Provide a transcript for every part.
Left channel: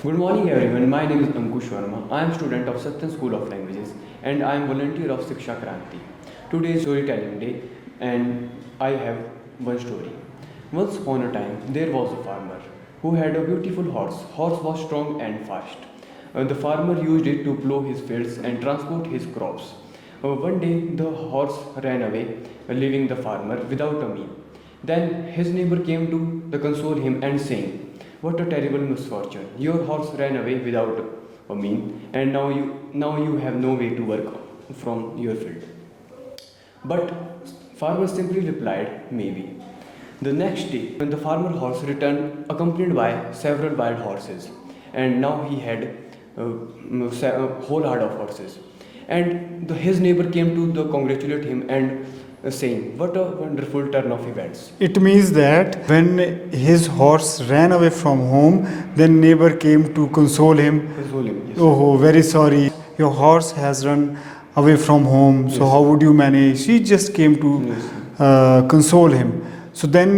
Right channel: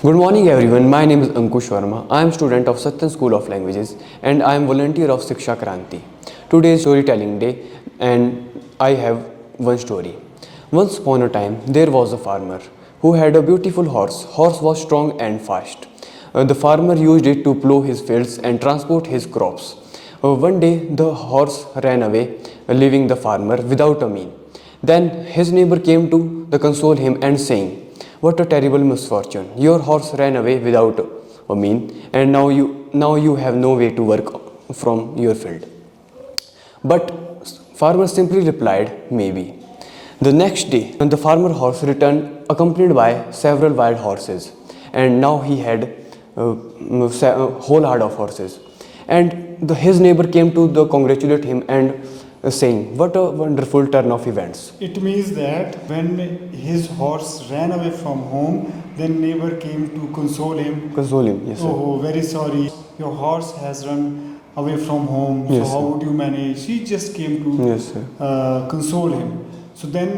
Good morning everyone, my name is Ankush Verma. I am student of Satyan School of Languages and I am volunteer of Shiksha Kranti. Today is storytelling day and I have one story. Once upon a time there was a farmer who had a beautiful horse. Horse was strong and fast. The farmer used it to plow his fields and transport his crops. One day the horse ran away, leaving the farmer without a meal. Then his neighbor came to console him and saying, "What a terrible misfortune! Your horse ran away without a meal, and now you have no way to work from your field." But farmer simply replied, "Maybe." The next day, when the farmer horse returned accompanied by several wild horses, and now he had a whole herd of horses. And his neighbor came to congratulate him and saying, "What a wonderful turn of events." It means that when his horse ran away from home, then neighbor came to console him. Console him, yes. Oh, very sorry. Your horse has run away from home. Yes, so how sir. would you manage? He just came to Yes, console him. So then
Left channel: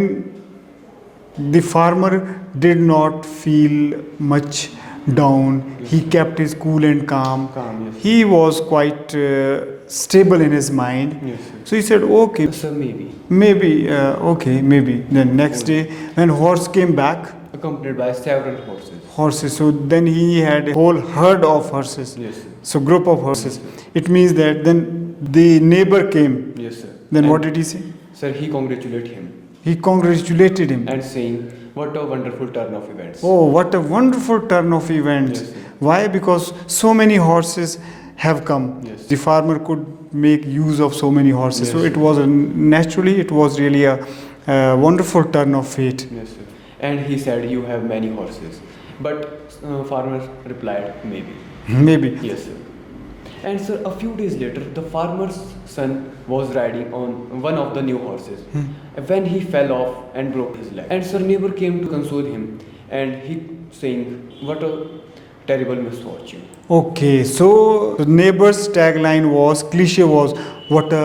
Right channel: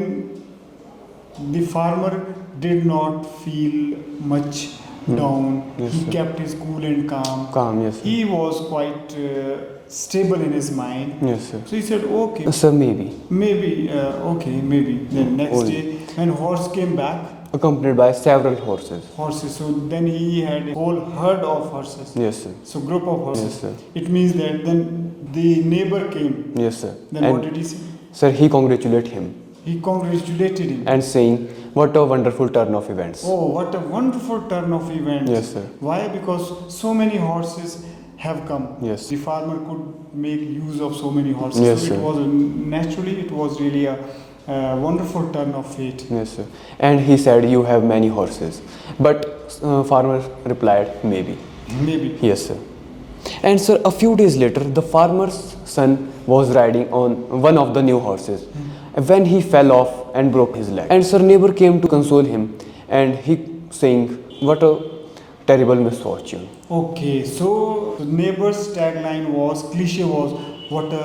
the farmer did not feel much down. Yes, He sir. kept his cool and calm. Calm, yes. He was quite stable in his mind. Yes, sir. So he said, okay, Sir, maybe. maybe, okay, maybe. Then next Oh, day, when horse came back, Accompanied by several horses. horses. So then he had a whole herd of horses. Yes, sir. So group of horses. Yes, sir. It means that then the neighbor came. Yes, sir. Then And what did he say? Sir, he congratulated him He congratulated him. and saying, "What a wonderful turn of events." Oh, what a wonderful turn of events. Yes, sir. Why? Because so many horses have come. Yes. The farmer could make use of so many horses. Yes, so it sir. was naturally, it was really a wonderful turn of fate. Yes, sir. And he said, "You have many horses." But farmer replied, "Maybe." Maybe. Yes, sir. And sir, a few days later, the farmer's son was riding on one of the new horses when he fell off and broke his leg. And sir, neighbor came to console him and he saying, "What a terrible misfortune." Okay, so the neighbor's tagline was, cliche was, what a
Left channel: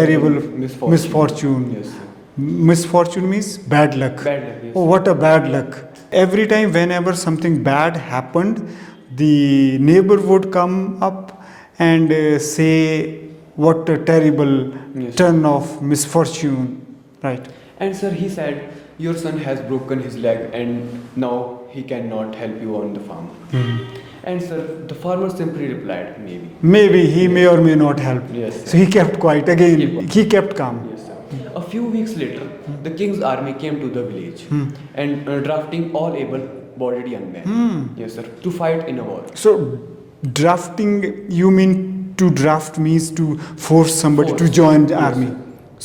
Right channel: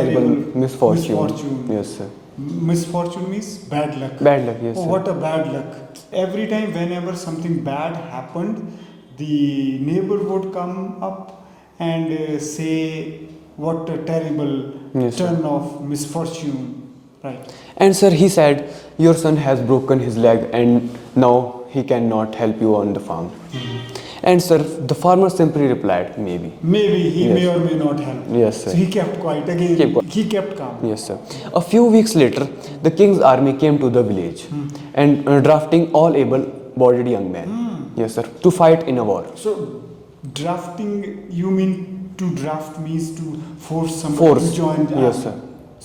terrible misfortune. Yes, sir. Misfortune means bad luck. Bad luck, yes, Oh, sir. what a bad luck. Every time, whenever something bad happened, the neighbor would come up and say, what a terrible Yes, sir. turn of misfortune. Right. And sir, he said, "Your son has broken his leg and now he cannot help you on the farm." And sir, the farmer simply replied, "Maybe." Maybe he Yes. may or may not help. Yes, sir. So he kept quiet again. Keep quiet. He kept calm. Yes, sir. A few weeks later, the king's army came to the village and drafting all able-bodied young men. Yes, sir. To fight in a war. So drafting, you mean to draft means to force somebody Force. to join the Yes, army. sir.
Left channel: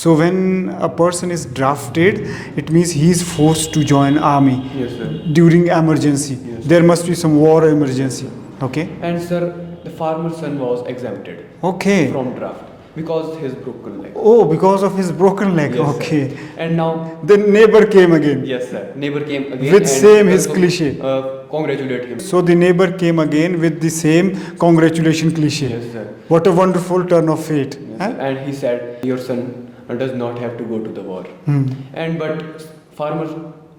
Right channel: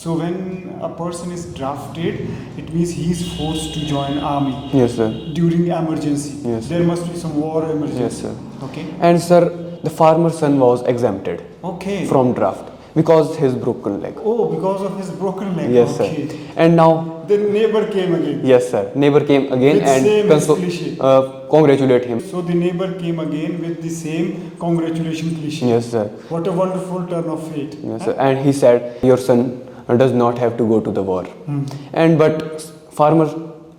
So when a person is drafted, it means he is forced to join army Yes, sir. during emergency. Yes. There must be some war emergency. Yes, Okay. And sir, the farmer's son was exempted Okay. from draft because his broken leg. Oh, because of his broken leg. Yes, Okay. sir. And now, The neighbor came again. yes, sir. Neighbor came again With and same his cliche. Congratulate him. So the neighbor came again with the same congratulation cliche. Yes, sir. What a wonderful turn of fate. Yes, Huh? sir. And he said, "Your son does not have to go to the war." And but farmer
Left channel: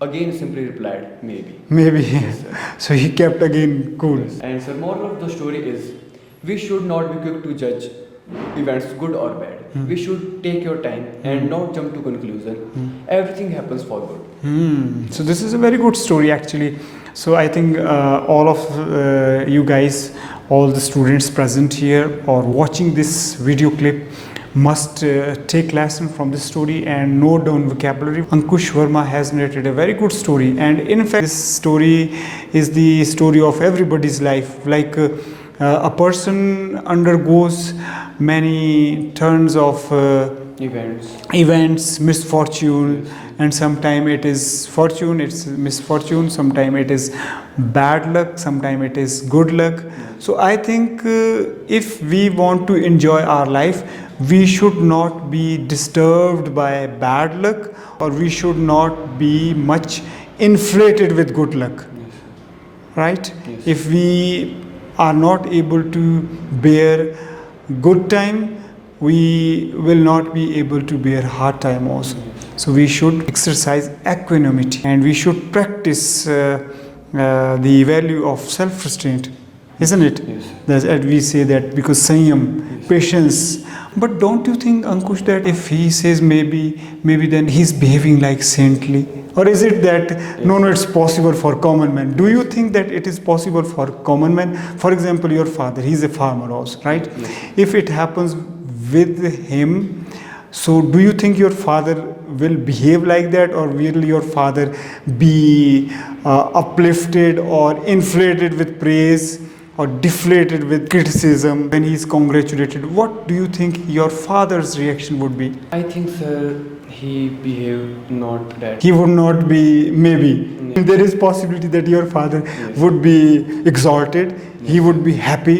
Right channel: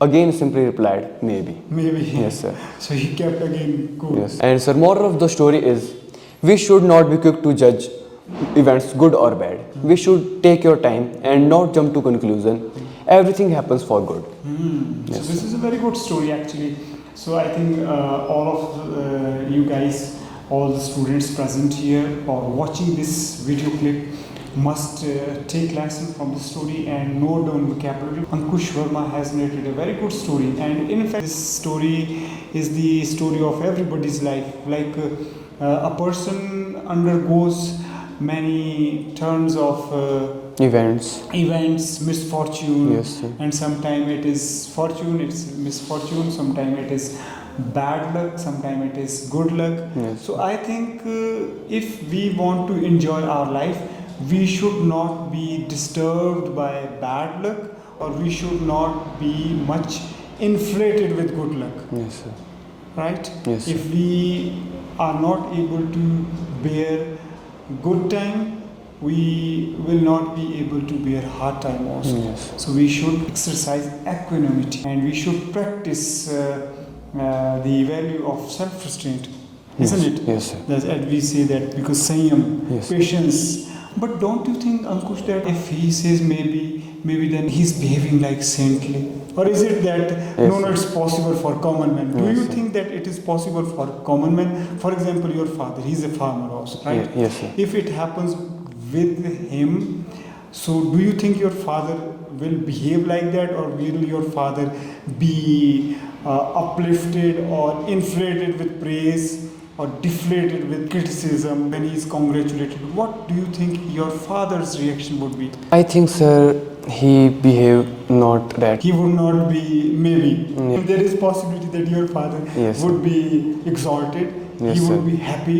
again simply replied, "Maybe." Maybe. Yes, sir. So he kept again cool. Yes. And sir, moral of the story is, we should not be quick to judge events good or bad. We should take your time and not jump to conclusion. Everything happens for good. So this is a very good story actually. So I think all of you guys, all the students present here or watching this video clip must take lesson from this story and note down vocabulary. Ankush Verma has narrated a very good story, and in fact this story is the story of everybody's life. Like a person undergoes many turns of events, misfortune. Yes, sir. And sometime it is fortune, it's misfortune, sometime it is bad luck, sometime it is good luck. Yes. So I think if we want to enjoy our life, we should not be disturbed by bad luck, or we should not be much inflated with good luck. Yes, sir. Right? Yes. If we are not able to bear good time, we will not be able to bear hard time also. Yes. So we should exercise equanimity and we should practice the value of self-restraint, isn't it? Yes, sir. That we say that because Sanyam, Yes. patience. But don't you think, Ankush, that if he says maybe then he's behaving like saintly? Or is it that no, it's possible for common man? Do you think that it is possible for common man? For example, your father, he's a farmer also, right? Yes, sir. If it happens with him, so do you think your father will behave like that, or will your father be uplifted or inflated with praise or deflated with criticism when he is congratulated? What do you think your father's reaction would be? I think, sir, he behaved not that. He would not be, maybe. There is possibility that your father Yes. would be exalted, he Yes, would sir. be happy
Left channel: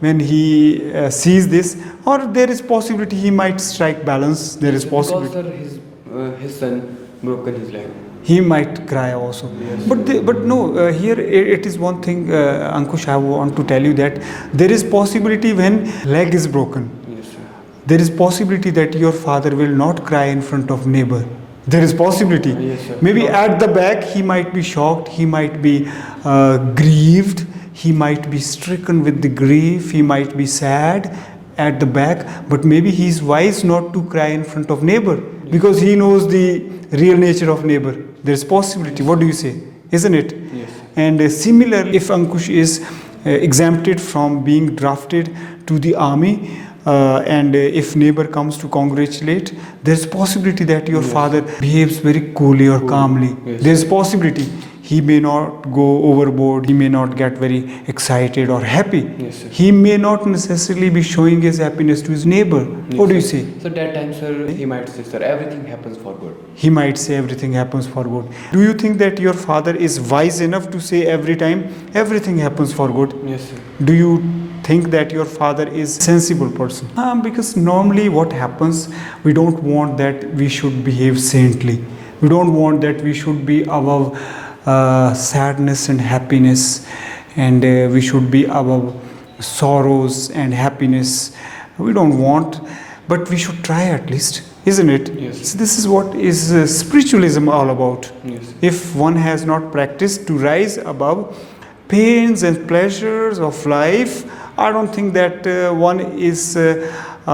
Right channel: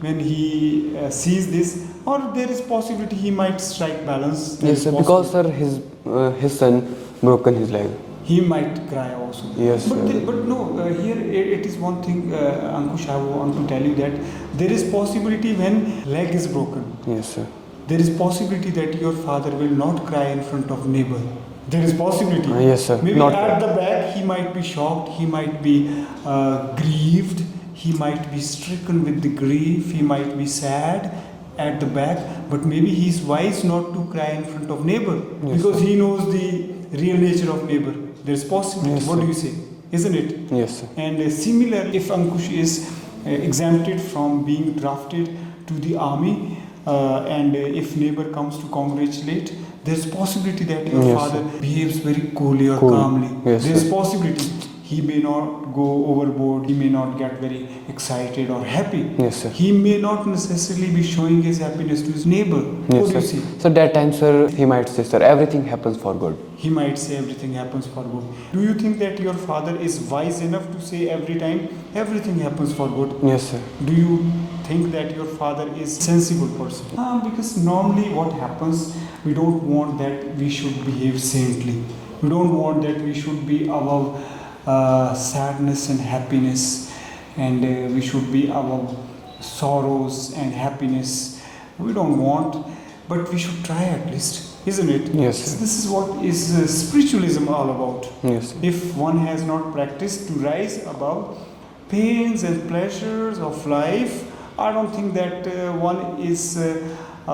when he sees this, or there is possibility he might strike balance. There Yes, is sir, possibility. because sir, his son broken his leg. He might cry also. Yes, But sir. but no, here it is one thing, Ankush, I want to tell you that there is possibility when leg is broken. Yes, sir. There is possibility that your father will not cry in front of neighbor. There is possibility. Yes, sir. Maybe Not- at the back he might be shocked, he might be grieved, he might be stricken with the grief, he might be sad at the back, but maybe he is wise not to cry in front of neighbor because he knows the real nature of neighbor. There is possibility. Yes, what do you say? Isn't it? Yes, sir. And similar, if Ankush is exempted from being drafted to the army, and if neighbor comes to congratulate, there's possibility that your Yes, father behaves very coolly or Cool. calmly. Yes, There's possibility he may not go overboard, he may not get very excited or happy. Yes, sir. He may not necessarily be showing his happiness to his neighbor. Yes, What do you sir. say? So that time, sir, he might say, sir, everything happens for good. He might say everything happens for good. Do you think that your father is wise enough to say every time everything happens for good? Yes, sir. Do you think that your father is sensible person? Because normally what happens, we don't want that we should behave saintly. We don't want that we should be above sadness and happiness, and we should be above sorrows and happiness. We don't want, but we should try at least, isn't it? Yes. So this is what is spiritualism all about. Yes. If one has not practiced to rise above pains and pleasures of life, I don't think that one is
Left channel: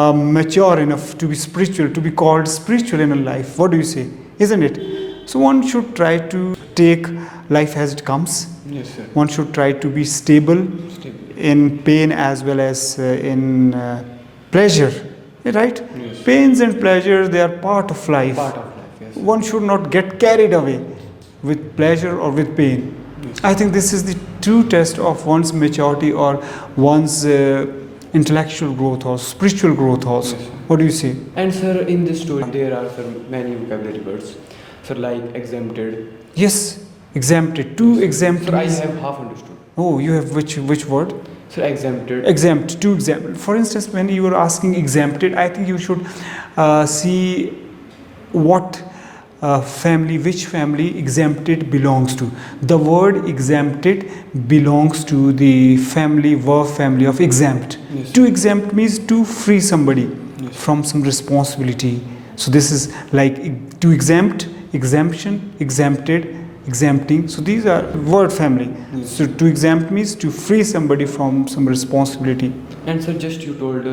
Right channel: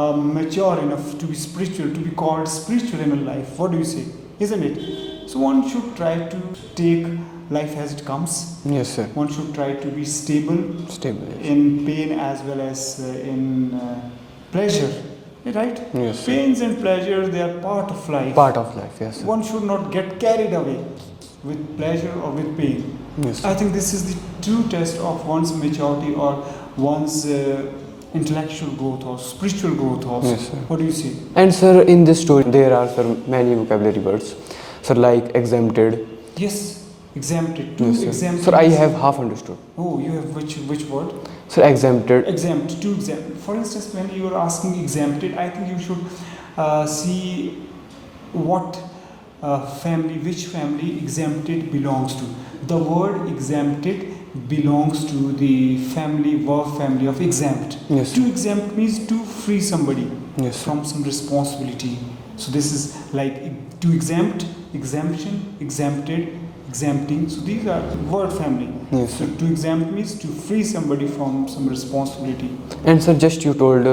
mature enough to be spiritual, to be called spiritual in a life. What do you say? Isn't it? So one should try to take life as it comes. Yes, sir. One should try to be stable Stable. in pain as well as in pleasure. Right? Yes. Pains and pleasures, they are part of life. Part of life, yes, sir. One should not get carried away with pleasure or with pain. Yes. I think this is the true test of one's maturity or one's intellectual growth or spiritual growth also. Yes, sir. What do you say? And sir, in this story, there are sir, many vocabulary words. Sir, like exempted. Yes, exempted. Two Yes, sir. exempt. Sir, I have half understood. Oh, you have which word? Sir, exempted. Exempt. Two exempt. For instance, when you were asking exempted, I think you should see what family, which family exempted belongs to. The word exempted belongs to the family, verb family of exempt. Yes. To exempt means to free somebody Yes. from some responsibility. So this is like to exempt, exemption, exempted, exempting. So these are word family. Yes. So to exempt means to free somebody from some responsibility. And sir, just you told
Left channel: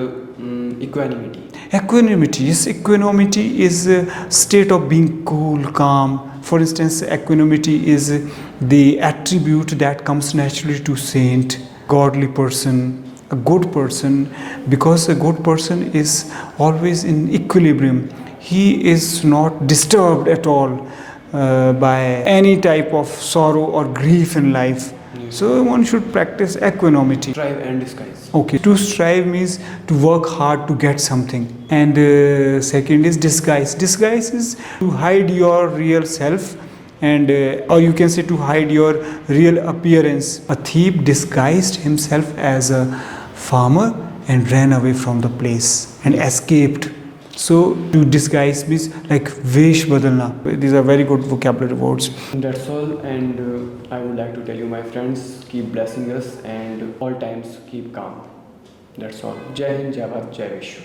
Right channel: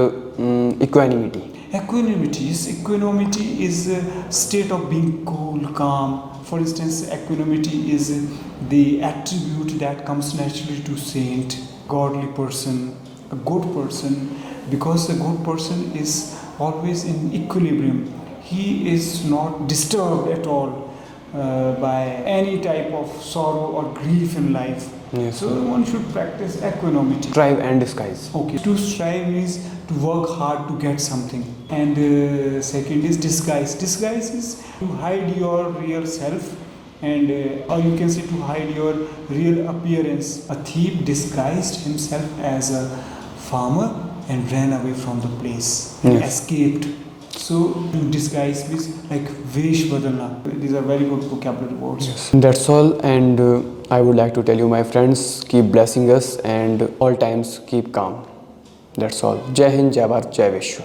equanimity. Equanimity. Yes, equanimity is a state of being cool, calm. For instance, equanimity is the attribute that comes naturally to saint, godly person, a good person, because a good person is always in equilibrium. He is not disturbed at all by any type of sorrow or grief in life. Yes. So one should practice equanimity. Strive and disguise. Okay, to strive means to work hard to get something, and second is disguise. Disguise is to hide your real self, and or you can say to hide your real appearance. A thief disguised himself as a farmer and ran away from the place and Yes. escaped. So to disguise means like vesh badalna. These are very good vocabulary words. That's all, and I would like to tell you, my friends, keep blessing us and all times keep calm. That's all. Jai Hind, Jai Bharat, Jai Vishwa.